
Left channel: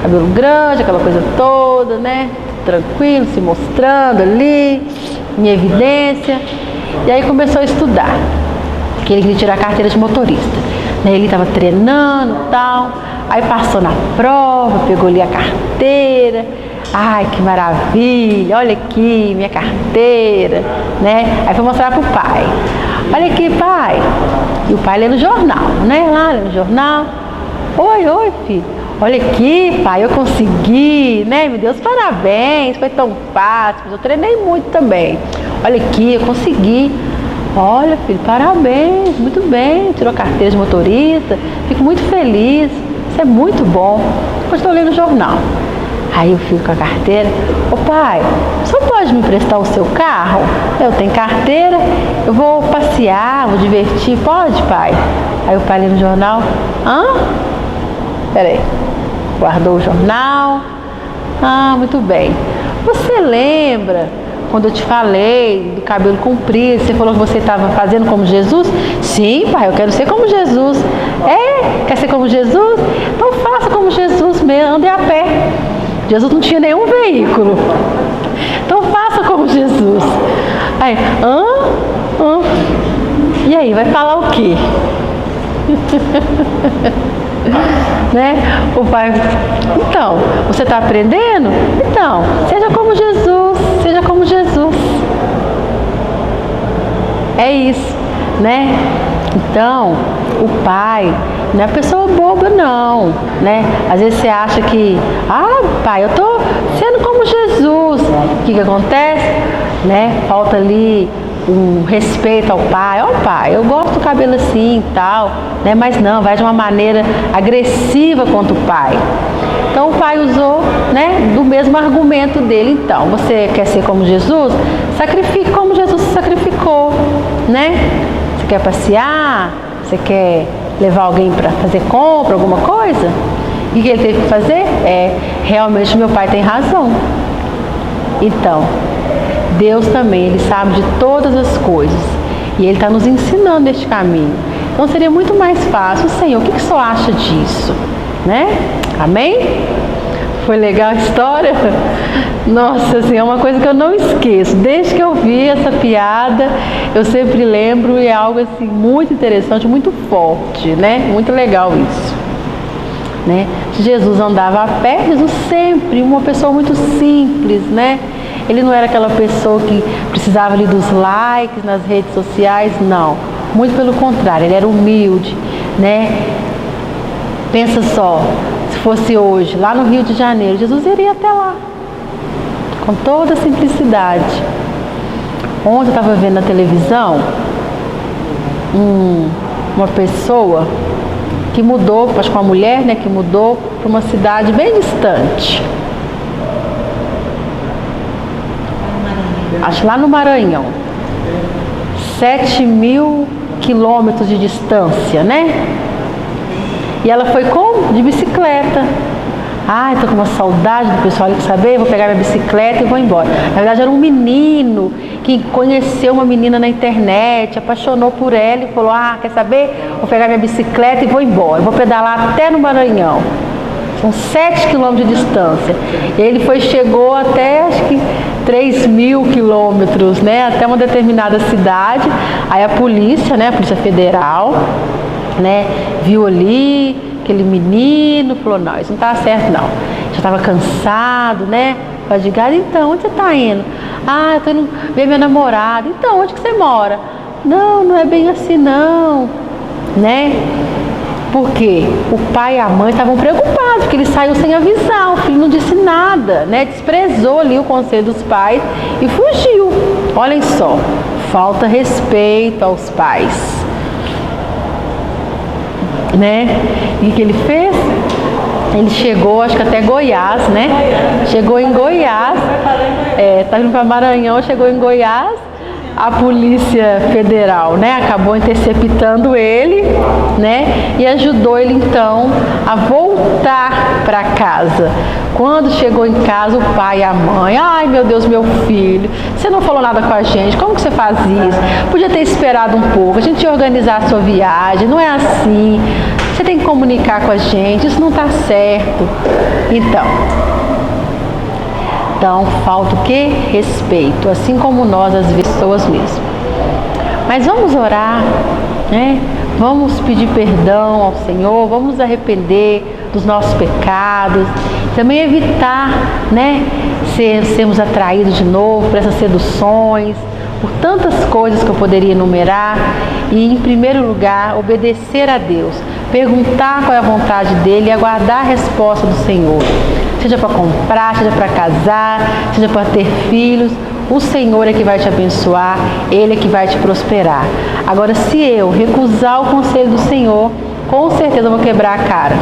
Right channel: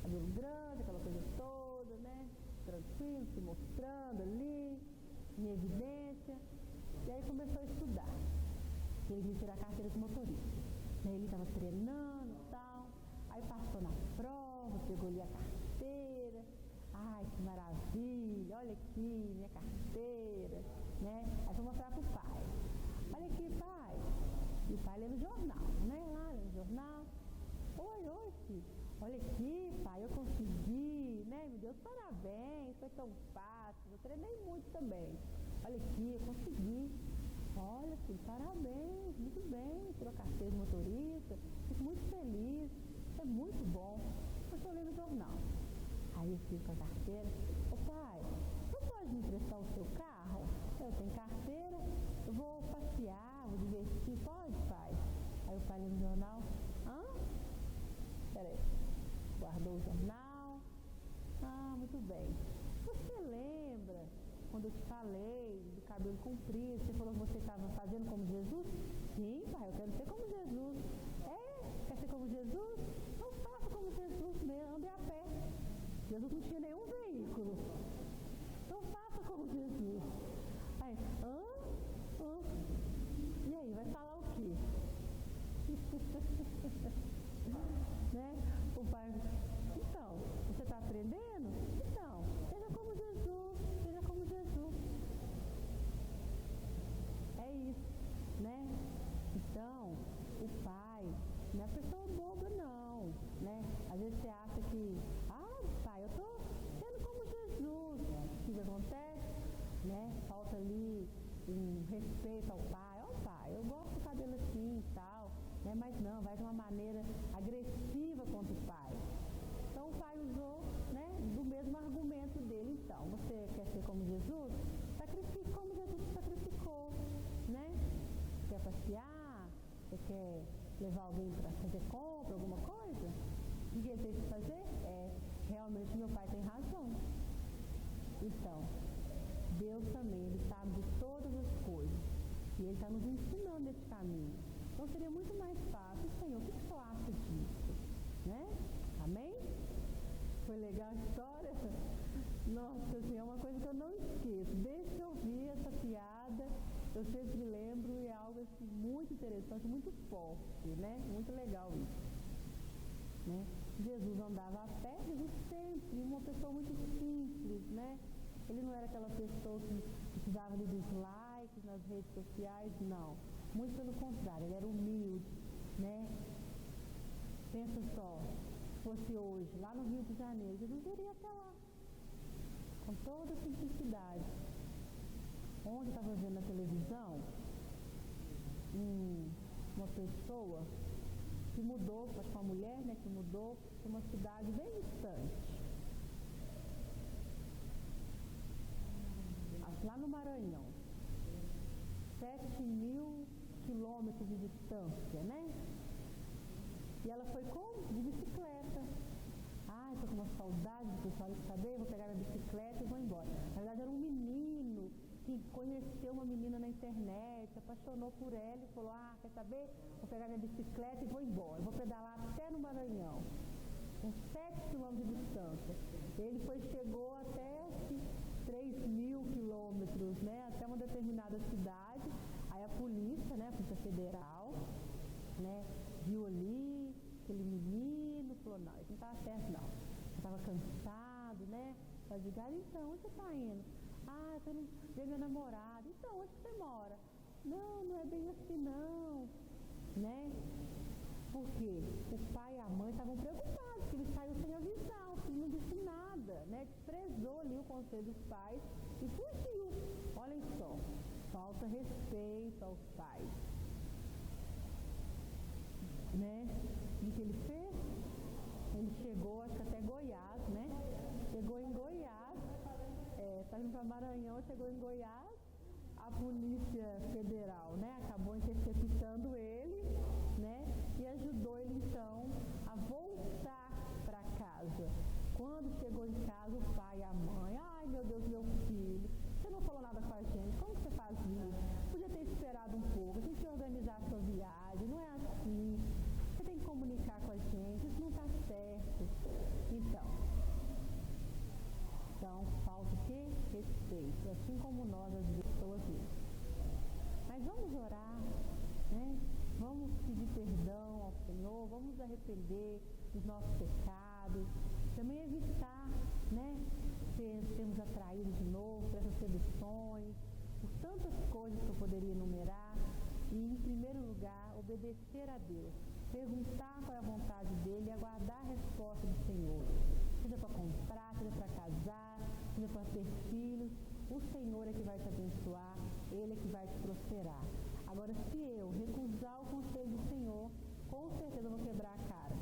cabelo grande, aquela coisa toda, né? Tranquilo, se mostrando ali, em evidência. E aí começou a estudar, que ele queria tirar a carteira de motorista. Ele estava treinando e tal, aí passou na prova, pegou ali a carteira. Ai, que maravilha, olha aqui, minha carteira, né? Aí foi mostrar pro pai. Olha aqui, pai. E o pai lê no jornal, né? Lá lê no jornal. Oi, filho. Olha aqui, pai, eu consegui, né? Meu Deus, parabéns, foi tão fácil. Eu treinei muito também. Olha aqui, eu consegui. Olha, filho, parabéns, muito bem. Tirou a carteira de motorista. Fico muito feliz. Isso é muito bom. Depois estou lendo o jornal. Aí eu fico com a carteira. Ô pai, o senhor pode me emprestar o seu carro? Eu tenho carteira, eu vou passear, vou divertir. Pode, pai? Aí o pai lê no jornal. Peraí. Guardou o jornal. Muito bem. Você lembra quando eu te falei do cabelo comprido? Você falou que você estava fazendo como Jesus? Sim, pai, eu quero ser como Jesus. Quer ser como Jesus? Então faça como Jesus mesmo, ande a pé. Jesus não tinha nenhum veículo. Então faça como Jesus. Aí, E aí, vai falar o quê? Né? O pai, então, você está aprendendo? Então, seja como Jesus, seja como Jesus. É isso, né? Então, o pai não é pessoa boba não, né? Às vezes você acha que, pai, eu tô sendo como Jesus. O que acontece? Né? Falta ali um respeito ao pai. Pai, eu gosto do cabelo assim e tal, né? Mas não, vai de uma maneira agressiva contra o pai. Então o pai usou, né, do mesmo argumento dele. Então, você quer ser como Jesus? Sacrifique como Jesus se sacrificou, né? Você quer passear? Você quer levar alguém para fazer compra, alguma coisa? E o que ele teve que fazer? Realmente meu pai tem razão. Então, Deus também, Ele sabe de todas as coisas. E Ele está nos ensinando este caminho. Então seria muito mais fácil. Senhor, o que o senhor acha disso? Né? Amém? Foi legal a história? Nossa, assim, é uma coisa que eu não esqueço. Desde que eu vi essa piada, eu sempre lembro e é algo assim muito interessante, muito forte, né? Muito legal isso. Né? Jesus andava a pé, Jesus sempre, uma pessoa muito simples, né? Ele não era aquela pessoa que precisava ali dos likes nas redes sociais, não. Muito pelo contrário, ele era humilde, né? Pensa só, se fosse hoje, lá no Rio de Janeiro, Jesus iria até lá, com toda a simplicidade. Ontem eu estava vendo na televisão uma pessoa que mudou, acho que uma mulher, né, que mudou para uma cidade bem distante. Acho lá no Maranhão. 7.000 quilômetros de distância, né? E ela foi como? De bicicleta. Estou com uma saudade do pessoal ali, saber, vou pegar minha bicicleta e vou embora. Na verdade era um menino que conheceu uma menina na internet, apaixonou por ela e falou, quer saber? Vou pegar minha bicicleta e vou embora. Vou pedalar até no Maranhão. São 7 quilômetros de distância. Ele chegou até, acho que 3.000 quilômetros, né? Até uma determinada cidade. Aí a polícia, né? A Polícia Federal, né? Viu ali aquele menino, falou, não, isso não tá certo não. Já estava cansado, né? Fadigado. Então, onde você está indo? Eu tô indo ver minha namorada. Então, onde que você mora? Não, não é bem assim não, né? Porque o pai e a mãe estavam preocupados, porque ele saiu sem avisar, o filho não disse nada, né? Desprezou ali o conselho dos pais e fugiu. Olhem só, falta respeito aos pais, né? E o que ele fez? Ele chegou, acho que até Goiás, né? Chegou em Goiás, tá indo para Maranhão, chegou em Goiás, a Polícia Federal, né, acabou interceptando ele, né, e ajudou ele então a voltar para casa. Quando chegou em casa, o pai e a mãe, ai meu Deus, meu filho, você não falou nada com a gente, como que você faz isso? Podia ter esperado um pouco, a gente ia organizar a sua viagem, não é assim, você tem que comunicar com a gente, isso não está certo. Então, falta o quê? Respeito, assim como nós, as pessoas mesmo. Mas vamos orar, né? Vamos pedir perdão ao Senhor, vamos nos arrepender dos nossos pecados, também evitar, né, sermos atraídos de novo por essas seduções, por tantas coisas que eu poderia enumerar. E, em primeiro lugar, obedecer a Deus, perguntar qual é a vontade dEle e aguardar a resposta do Senhor. Seja para comprar, seja para casar, seja para ter filhos, o Senhor é que vai te abençoar, Ele é que vai te prosperar. Agora, se eu recusar o conselho do Senhor, com certeza eu vou quebrar a cara,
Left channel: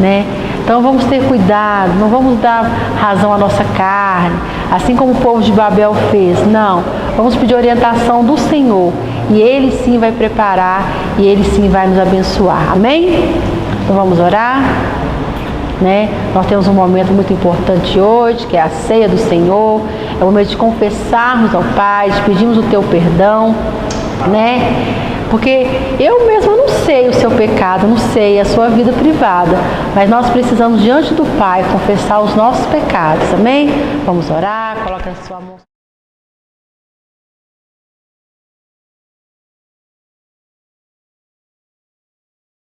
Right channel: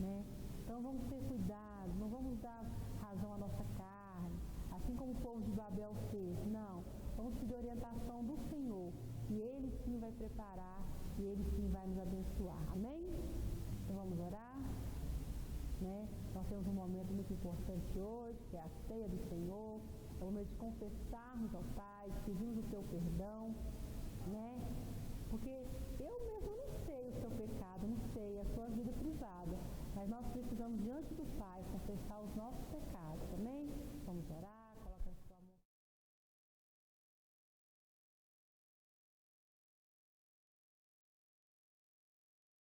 né? Então vamos ter cuidado, não vamos dar razão à nossa carne, assim como o povo de Babel fez. Não, vamos pedir orientação do Senhor e Ele sim vai preparar e Ele sim vai nos abençoar. Amém? Então vamos orar, né? Nós temos um momento muito importante hoje, que é a ceia do Senhor. É o momento de confessarmos ao Pai, de pedirmos o teu perdão, né? Porque eu mesma não sei o seu pecado, não sei a sua vida privada, mas nós precisamos diante do Pai confessar os nossos pecados, amém? Vamos orar, coloca a sua mão.